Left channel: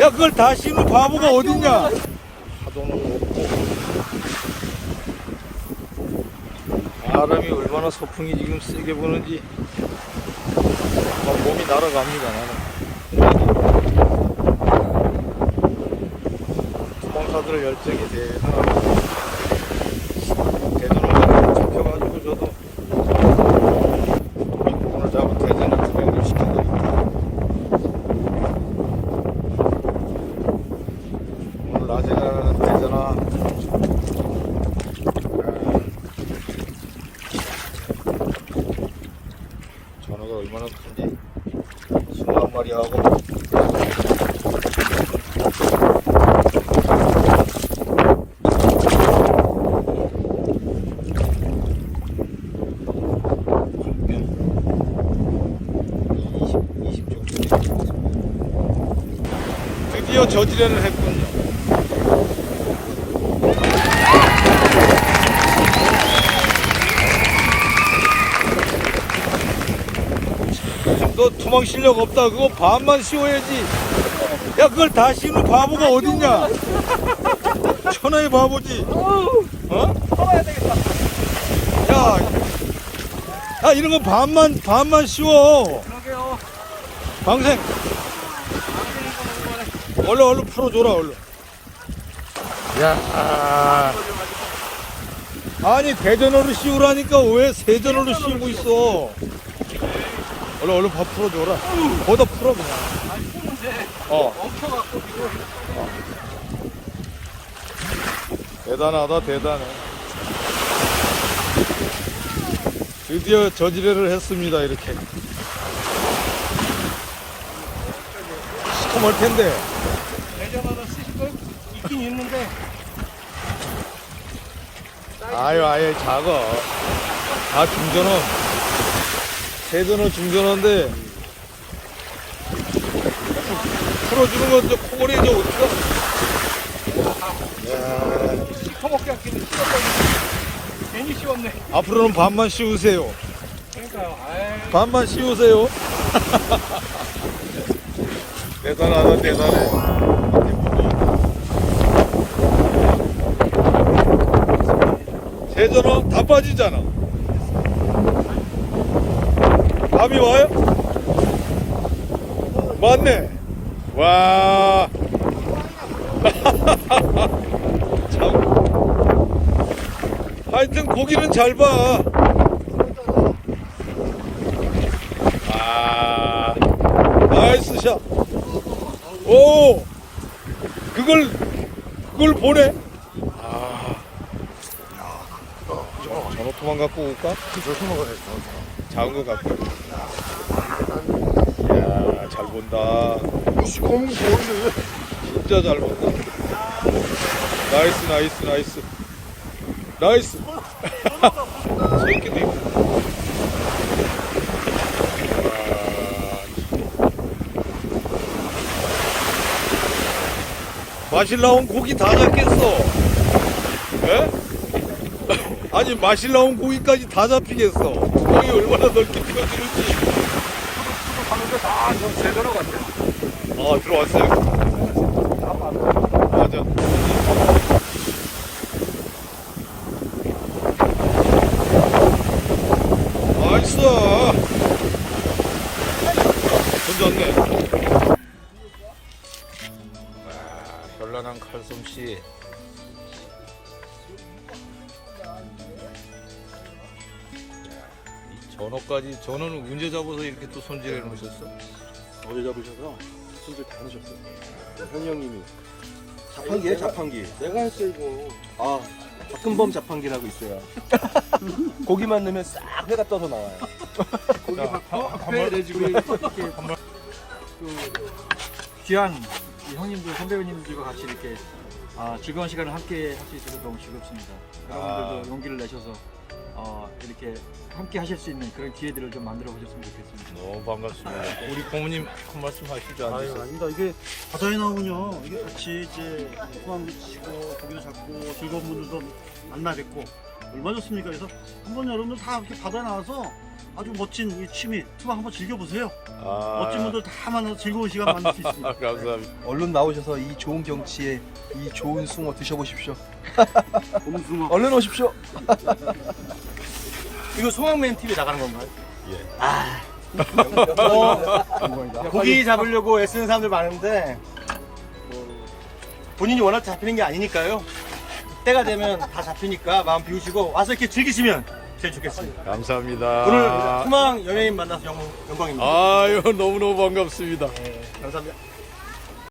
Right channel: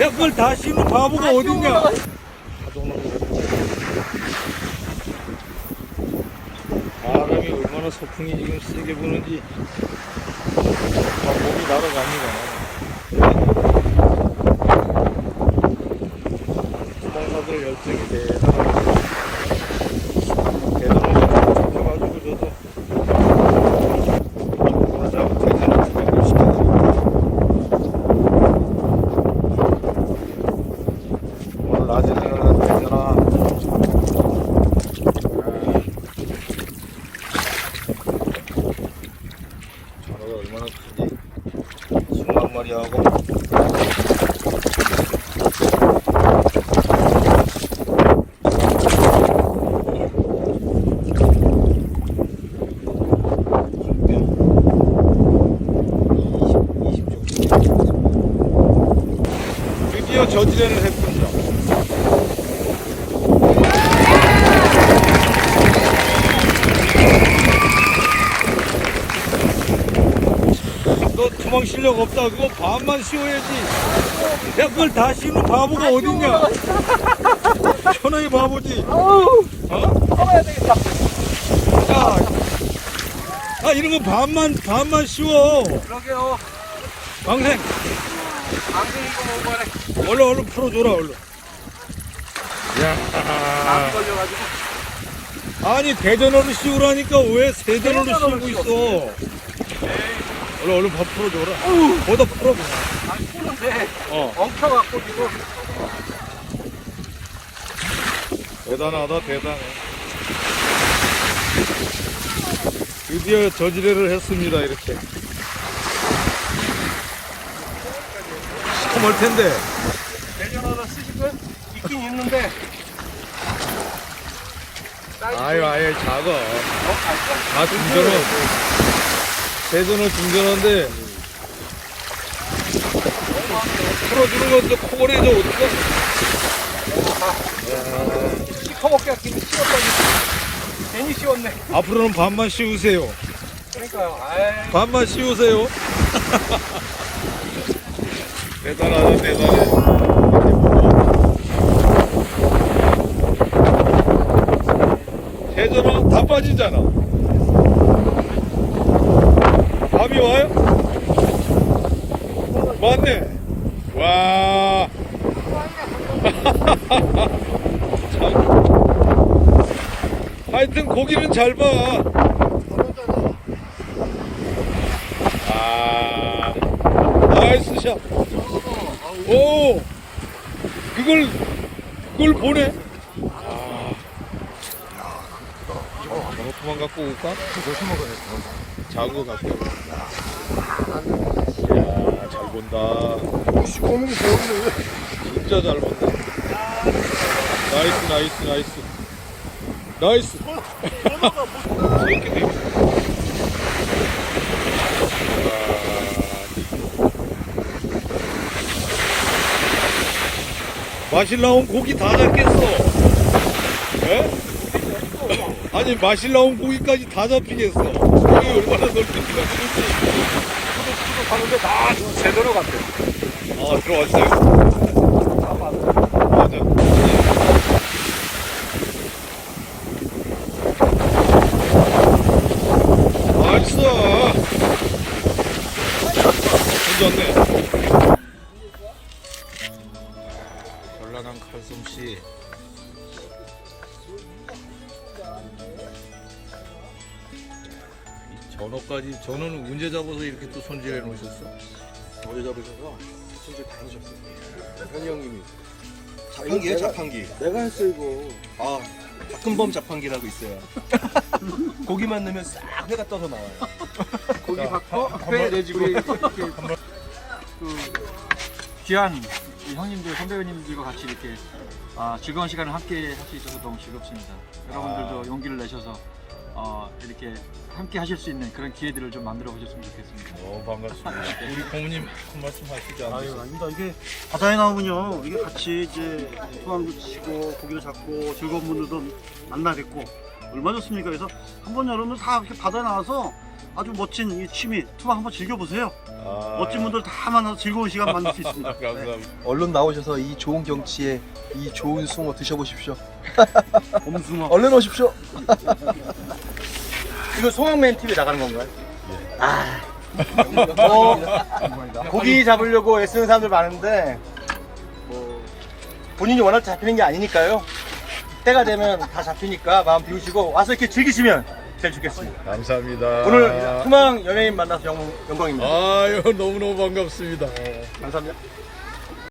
야 그걸 다 씌우는 바보가 어딨냐? 파도는 높고. 바람이 얼마나 소풍이 지금 세게 부는지. 막 몸이 날아갑니다 나는. 스폰서들 열정이 대단합니다 대단하게 잡혀가지고 저도 오늘 잡은 대전을 주민들 시켜드립니다 오늘 낮에는 대전아 전어가 얼마나 큰지 10만 마리 하고 저지련을 했군 너 도망 실력 없다. 그거 반만 씌워야지. 야, 그걸 다 씌우는 바보가 어딨냐? 천하의 바보지. 어? 풀어야 되겠다. 야, 야, 이런 거 반만, 반만 씌워. 그러게요. 방생. 얼른, 얼른 풀어줘라, 얼른. 야 아니, 대전어를 씌우라니까 왜 세전어를 씌우고 있어? 얼른, 얼른 밥 풀어줘라. 거기다 풀어, 그냥. 안 푸는데 어, 엉켜갖고 지금. 대단하다, 대단해. 드디어 저지레를 했습니다, 이렇게. 시커멀 텐데. 대전어도 쓰실 걸 있긴 있는데. 아유, 아예 작아. 아, 중전어. 대전어 중전어인데. 풀어주는 건저 코골이 저 어떡하 야, 씹어먹기 같은데 씹었더니 괜히 씹었네. 앞으로는 반만 씌우세요. 그러니까요. 아이. 반만 씌우세요. 대단하다, 대단해. 대전어 다 빠지잖아. 감이 와요? 맞네. 와. 참. 하여튼 고기는 잘 봐. 아, 나이스 샷. 오, 그걸, 그걸 보내. 야, 전어토만 갖고 올까? 작은 거 갖고. 야, 잘 본다. 검은 거 보이네. 진짜 잘 본다. 나이스, 나이스, 나이스. 나이스. 마실 나온 고기 다 잡겠어. 에? 아니 마실 나온 고기까지 다 잡히겠어. 고기 얼마나 넓게 들어지는지. 저 제대로 같아. 아 들어왔어요. 맞아. 나이스. 괜찮네. 아, 현란한 칼솜씨. 전어까지 전어는 언제 잡아서 이렇게 또 손질해 놓으셨어? 어디 잡으셔서 진짜 다니셨어요. 현이 형님이. 자판기에 자판기. 내가 했어 이거. 아, 볶음범 자판기라고 있어요. 고기만 넣으면 싹 회가 떠서 나와요. 고기 자, 한회 번- 내주고 이렇게 그 귀한 이 형님들 선배님들과 같이 이렇게 아, 즐거운 시간을 함께 할 수 있어서 너무 즐겁습니다. 여러분들도 아. 용기를 내셔서 어, 이렇게 함께 하실 수 있는 그런 기회들을 좀 만들어 보셨으면 좋겠습니다. 너무 반갑습니다. 우리 고모님 한 말씀 하시지 아유 않으세요? 아닙니다. 이게 바다에 나오면요. 이게 같이 이제 소감도 치고 고기도 잡고 즐거운 분들도 만나 뵙고 얼마나 좋습니까? 그래서 한번 여러분들 다 이렇게 바다에 나와서 아주 멋진 이 취미 투망 한번 즐겨보세요. 아, 멋진 분들 다 만나서 즐거운 시간 만날 수 있습니다. 감사합니다. 얼른 나오셔서 이 좋은 경치에 이 좋은 숭어 드셔보십시오. 봄숭어. 얼른 오십시오. 이거 송악맨 TV 나가는 건가요? 예. 아, 뭐 고기 잡으려고 애쓰는 사람들 많은데 뭐 본인이 원할 때 잡히는 게 아니니까요. 때가 되면 다 잡히니까 마음 비우시고 와서 이렇게 즐기시면 제일 좋겠습니다. 감사합니다. 오늘 투망 연예인 만나서 영, 영광입니다. 아유 너무너무 반갑습니다. 네, 감사합니다.